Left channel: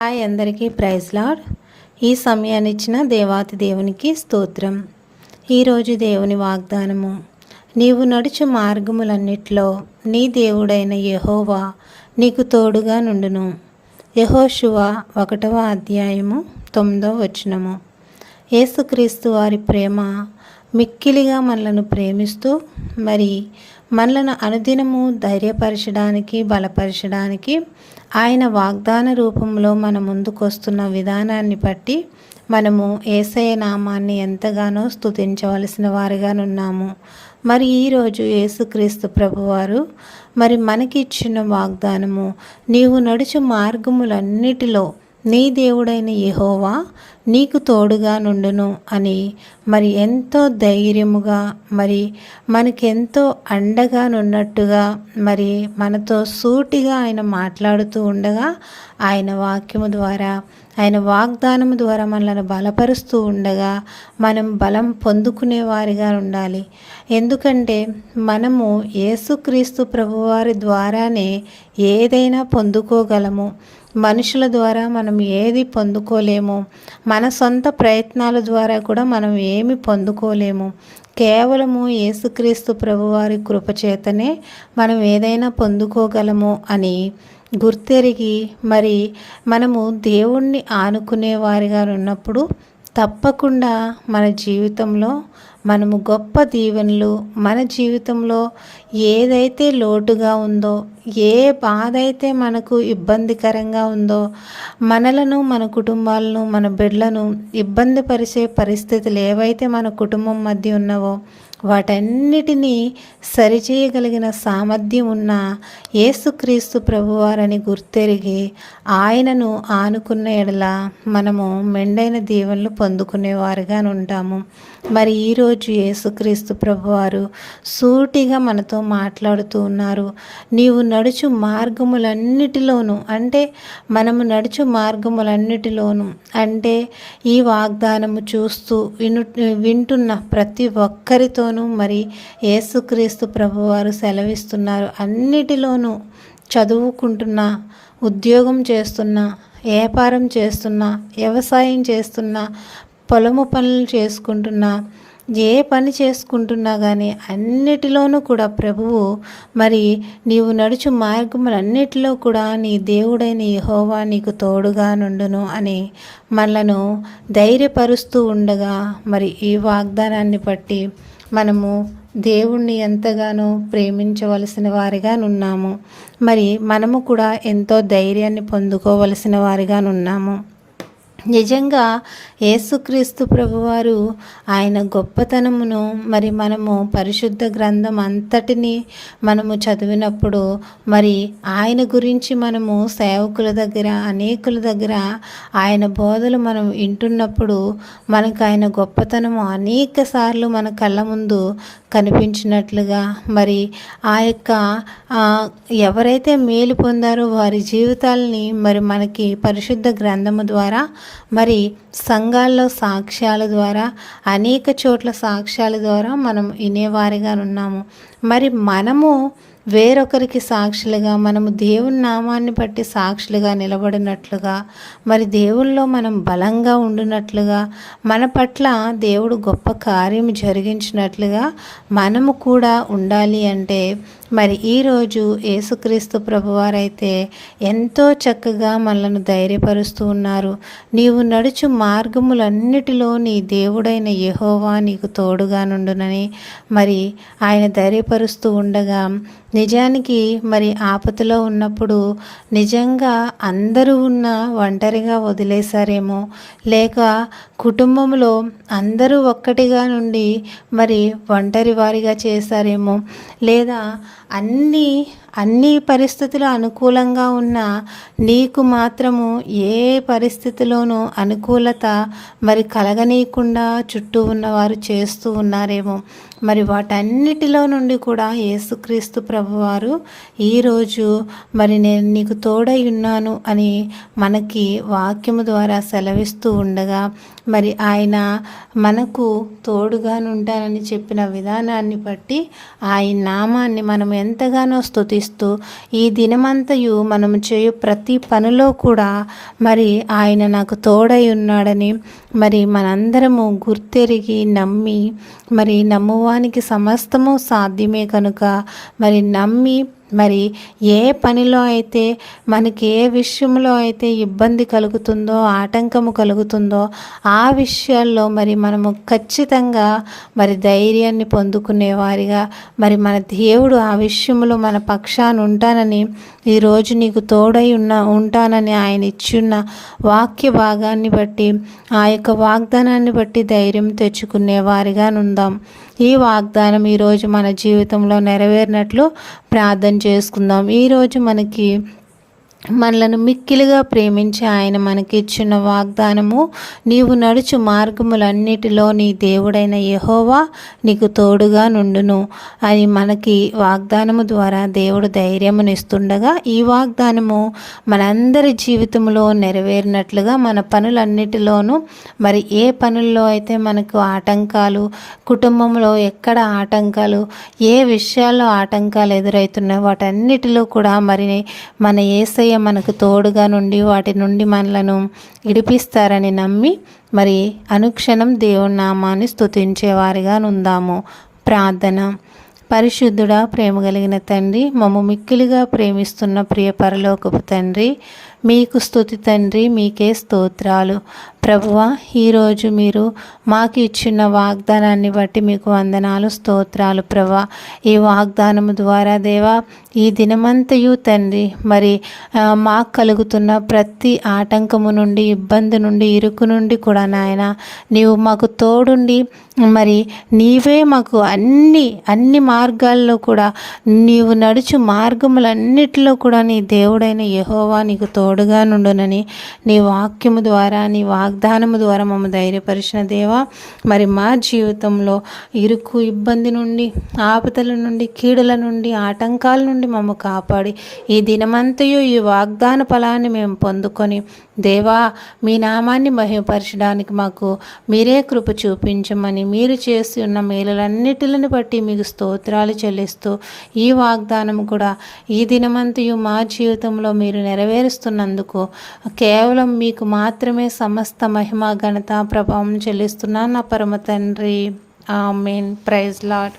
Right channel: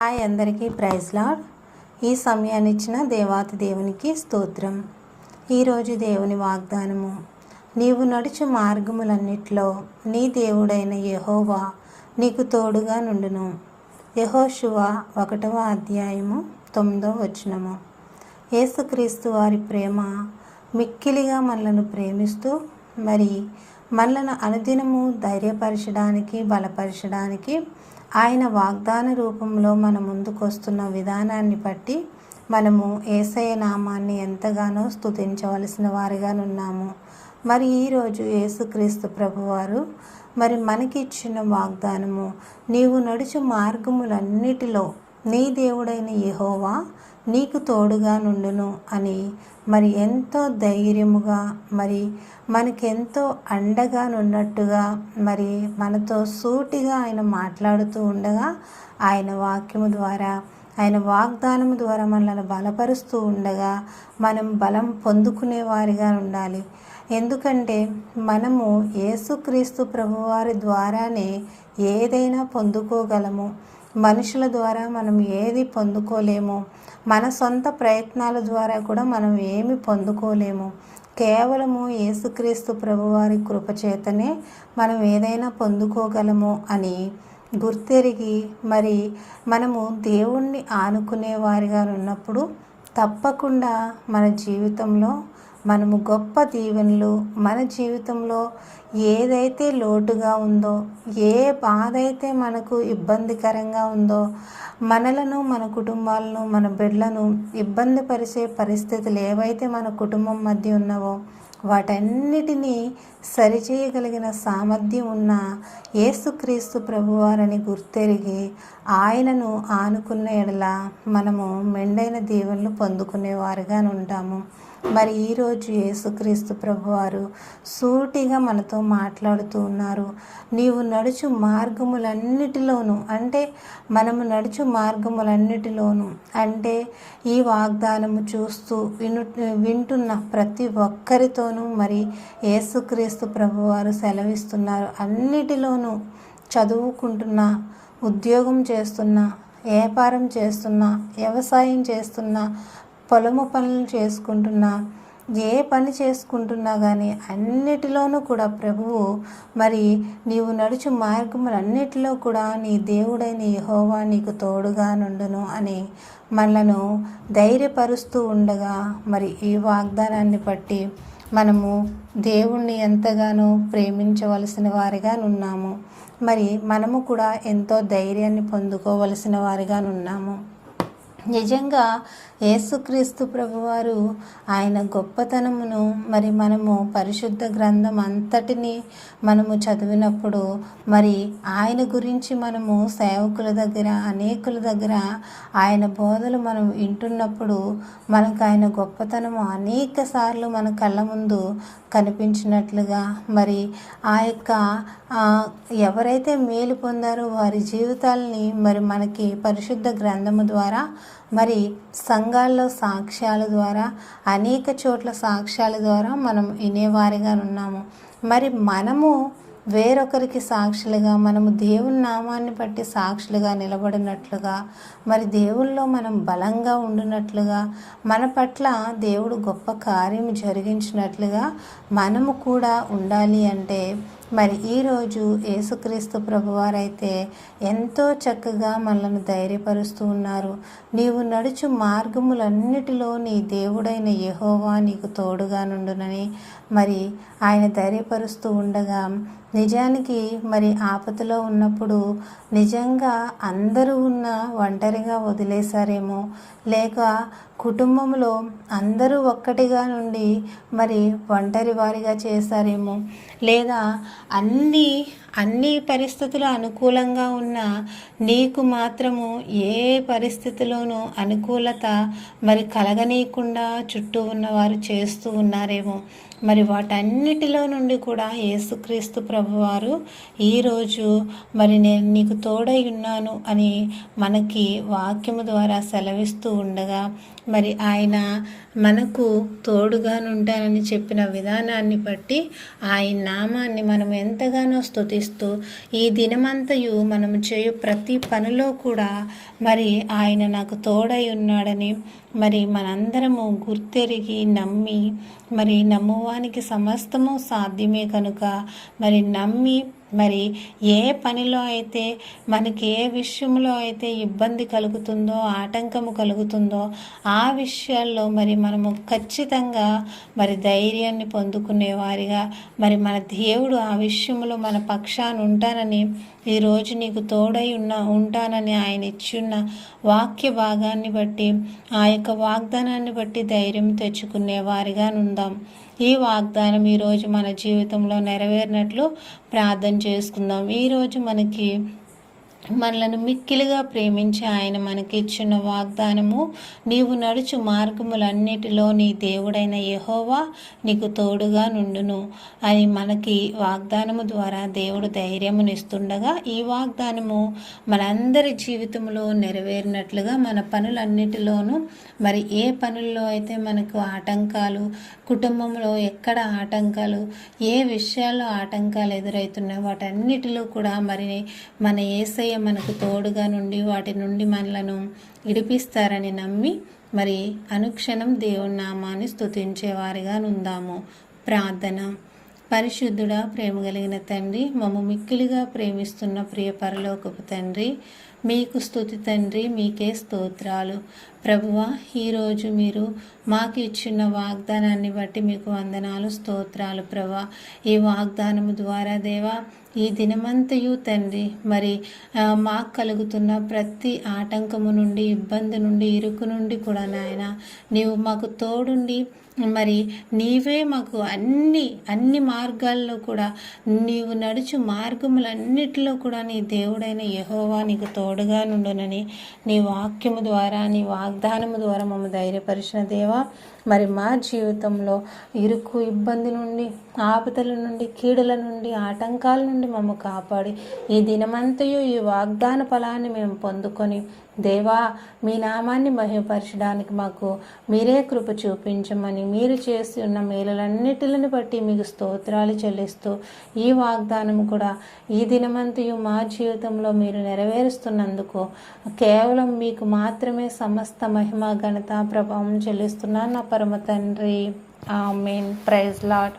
Hi అందరికీ praise lord. ఈ సమయాన్ని ఇచ్చిన దేవాతి దేవునికి స్తోత్రం. ఈరోజు దేవుని వాగ్దానము, నీవు నడుచు మార్గములన్నిట్లో నీ దేవుడైన యెహోవా నీకు తోడుగా నుండును. యెహోషువ 1వ అధ్యాయము 9వ వచనము. యేసుక్రీస్తు వారి ప్రేమ మిక్కిలిగా మనలను ప్రేమిస్తూ మనలను అనుదినము ధైర్యపరచడానికి, బలపరచడానికి ఆయన వాగ్దాన రూపంలో మన ముందుకొస్తున్న విధానాన్ని బట్టి మనము యేసయ్య నామాన్ని ఎంతగానో స్తుతించవలసిన వారిగానున్నాము. ఈరోజు యేసుక్రీస్తు ప్రభువారు మనకి ఇచ్చిన వాగ్దానము, నీవు నడుచు మార్గములన్నిటిలో నీ దేవుడైన యెహోవా నీకు తోడుగా నుండును అని ఎంతో ధైర్యముగా మనకెంతో అండగా నున్నట్టుగా మనతో సూటిగా ఆయన మాట్లాడుతూ ఉండగా, ఆయన వాక్యము ద్వారా, ఆయన వాగ్దానము ద్వారా మనల్ని బలపరుస్తూ ఉండగా మనం బలం పొందుకునేవారిగా ఉండాలి. ఎందుకంటే మనము యేసుక్రీస్తు ప్రభువారి ద్వారానే ఏదైనా పొందుకోగలము. మనుషుల ద్వారా మనం ఏది పొందుకోలేము. మన సొంత ప్రయత్నాల ద్వారా కూడా మనం ఏమి పొందుకోలేము. కేవలము యేసుక్రీస్తు ప్రభువారి కృపచేతనే మనం ఏదైనా పొందుకోగలము అని గుర్తెరిగి మనము దేవుణ్ణి ఆనుకునేవారిగా ఉన్నప్పుడు తప్పకుండా మన జీవితంలో మనము గొప్ప దీవెనలు, మన జీవితంలో ఏదైతే లోటుగా ఉందో, ఏ బాధ అయితే మనకు ఇబ్బందికరంగా ఉందో, మనలను, మన కుటుంబాలను, మన బిడ్డలను ఇబ్బంది పరిచే పరిస్థితులు ఏవైతే మన కుటుంబం మధ్య ఉన్నావో వాటన్నిటినీ సరిచేయగలిగిన సామర్థ్యం ఉన్న యేసుక్రీస్తు ప్రభువారని గుర్తెరిగి ఆయనను ఆనుకున్న ఎడల మనము మెండైన దీవెనలు పొందుకునేవారుగా ఉంటాము. ఈరోజు యేసుక్రీస్తు ప్రభువారు సూటిగా మనతో మాట్లాడుతూ ఉన్నారు. నీవు నడుచు మార్గములన్నిటిలోనూ, అంటే మనము నడుచు మార్గములన్నిటిలోనూ అంటే ఈ వాగ్దానము చూస్తూ వింటున్న ప్రతి ఒక్కరితోనూ యేసుక్రీస్తు ప్రభువారు సెలవిస్తున్నారు. అన్నిటిలోనూ చదువుకుంటున్నా, ఉద్యోగం చేస్తున్నా, వ్యాపారం చేస్తున్నా, వ్యవసాయం చేస్తున్నా, పొలము పనులు చేసుకుంటున్నా, ఏ పని చేసుకుంటున్నా కానీ అన్నిటిలోనూ కూడా ప్రభువు నీవు నడుచు మార్గములన్నిటిలో కూడా నీ దేవుడైన యెహోవా నీకు తోడుగా నుండును అని మనలను ధైర్యపరుస్తూ ఉండగా ఈ వాగ్దానాన్ని బట్టి మనము దేవుణ్ణి ఎంతగానో ప్రేమించవలసిన వారిగా ఉన్నాము. మనము కూడా ఎంతో ధైర్యాన్ని పొందుకోవలసిన వారిగా ఉన్నాము. నిజంగా యేసుక్రీస్తు ప్రభువారు ఆయన గొప్పతనమును మనము పరిశుద్ధ గ్రంథం అంతటిని మనము చదివినప్పుడు ఆయన గురించి మనము సేవకుల దగ్గర, అనేకుల దగ్గర ఆయన బోధలు మనం వింటున్నప్పుడు మనకు ఆయన గొప్పతనము అనేక సార్లు మన కళ్ళ ముందు కనిపించినట్లుగా ఆ యొక్క ఎవరైతే మేలు పొందారో వారి జీవితాలని మనకి పరిశుద్ధ గ్రంథము ద్వారా సంఘాల్లో సాక్ష్యాల ద్వారా, అనేక చోట్ల సాక్ష్యాల ద్వారా మనం వినేవారిగా ఉన్నాము. మనము వేరొకరికి సాక్షులుగా, మనము దేవుని నామాన్ని బట్టి సాక్షులుగా నిలబడినట్లుగా, దేవుల్లో మనం బలంగా ఉండినట్లుగా, మన పట్ల దేవుడు గొప్ప కార్యం జరిగించినట్లుగా మనము కూడా ఉండాలి. అంటే ఈరోజు యేసుక్రీస్తు ప్రభువారైతే ఎంతో చక్కగా మనలను ధైర్యపరుస్తూ ఉన్నారు. నీవు నడుచు మార్గములన్నిటిలో నీ దేవుడైన యెహోవా నీకు తోడుగా నుండునని ఆయన ధైర్యపరుస్తూ ఉండగా, నిజానికి ఆపదలో ఉన్నప్పుడు నిజంగా అందరూ ఒంటరిగా వదిలేశారేమో, లేక కుటుంబంలో అందరూ ఒక్కటిగా నుండి ఒంటరి వారిగా చేశారేమో, లేదా అన్ని పరిస్థితులు అనుకూలంగా ఉన్నా నీకు మాత్రము ఏ పరిస్థితిలోనూ అనుకూలత కలగనీయకుండా చుట్టూ ఉన్నవారు చేస్తూ ఉన్నారేమో. వాటన్నిటిలో నుండి కూడా యేసుక్రీస్తు ప్రభువారు ఈరోజు నేను నీకు తోడై ఉన్నాను అని మనకి వాక్యము ద్వారా సెలవిస్తూ ఉండగా ఆయన మనకు తోడుగా ఉంటానని చెప్పిన విధానాన్ని బట్టి ఆయన నామాన్ని మనం ఎంతగానో స్తుతిస్తూ ఈ దినమంతయు మనం చేయు ప్రతి పనిలో కూడా మరి ఆయన నాకు తోడై ఉన్నాడని మరి మనందరము గుర్తెరిగి నమ్మి మరి నమ్మువానికి సమస్తము సాధ్యమే కనుక మరి నమ్మి మరి ఏ పనిలో అయితే మనకి ఏ విషయంలో అయితే ఇబ్బంది కలుగుతుందో ఆటంకము కలుగుతుందో ఆ విషయాల్లో మరి మనము ఖచ్చితంగా మరి ధైర్యాన్ని పొందుకునేవారిగా మరి మన దేవుడు ఆ విషయంలో మన పక్షాన ఉంటానని ఈరోజు నీకు తోడై ఉంటానని ఆయన ఇచ్చున్న వాక్య భాగాన్ని బట్టి ఆ యొక్క వాగ్దానాన్ని బట్టి ధైర్యం తెచ్చుకునేవారిగా ఉందాం. ఈ వాగ్దానం ఈరోజు మన జీవితంలో నెరవేరినట్లు ప్రార్థన చేసుకుందాం. ఈరోజు మనలను మిక్కిలిగా ప్రేమించి ఆయన మనకిచ్చిన వాగ్దానము, నీవు నడుచు మార్గములన్నిటిలో నీ దేవుడైన యెహోవా నీకు తోడుగా నుండును అని మనకి వాగ్దానము ద్వారా దేవుడు ధైర్యమునిస్తుండగా ఈ వాగ్దానము మనందరి జీవితంలో నెరవేరినట్లుగా మన పనులన్నిటిలోనూ మరి ఏ పనుల్లో అయితే మనకు ఆటంకాలు, కుటుంబంలో ఎక్కడ ఆటంకాలు, ఏ విషయాల్లో ఆటంకాలు ఎదురవుతున్నాయో వాటన్నిటిలో కూడా మరి మన యేసయ్య మనకు తోడుగా నుండి వాటి నుండి మనలను విడిపిస్తారని నమ్మి మరి అనుక్షణం దేవుని నామాన్ని స్తుతించేవారిగా ఉందాము. ప్రార్థన. పరిశుద్ధుడా, ప్రేమ కలిగిన తండ్రి, మమ్ము మిక్కిలిగా ప్రేమిస్తున్న ప్రియ పరలోకపు తండ్రి, మీకు స్తుతి తండ్రి, మీకే స్తోత్రాలు. ప్రభువా, ఈరోజు మీరు మాకు ఇచ్చిన వాగ్దానాన్ని బట్టి మీకు వందనాలు, స్తోత్రాలు. ప్రభువా, ఈ వాగ్దానము ద్వారా దేవా ఈ దినమంతయు తండ్రి మరి మాకు కలుగుతున్న ప్రతి ఆటంకము నుండి, ఇబ్బంది నుండి, ఇరుకు నుండి కూడా నాయన నీవు మాకు తోడుండి మరి నీవే మాకు అన్ని మార్గాల్లో కూడా నీవు నడుచు మార్గములన్నిటిలో కూడా నీ దేవుడైన యెహోవా నీకు తోడుగా నుండునని నీ వాక్యము ద్వారా నీ వాగ్దానము ద్వారా మమ్మ ధైర్యపరిచిన దేవా, మరి మా జీవితంలో ఇరుకు ఇబ్బంది నుండి, ఆపదల నుండి, కీడుల నుండి, ఆటంకాల నుండి మమ్మ కాపాడి ఈ దినమంతయు ఈ వాగ్దాన ఫలాన్ని మేము పొందుకొని దేవా మీ నామాన్ని మహిమపరచడానికి మాకు మీరే కృప చూపించమని, మీరు చేసి ఉన్న మేలులన్నిటిని బట్టి మీకు స్తోత్రాలు చెల్లిస్తూ ఈ వాగ్దానం కూడా ఈ దినమంతయు మా జీవితంలో మీరు నెరవేరుస్తున్నందుకు కేవలం మీకు మాత్రమే సమస్త మహిమ, ఘనత, ప్రభావం చెల్లిస్తున్నాను నా పరమ తండ్రి. ఆమేన్. Praise lord.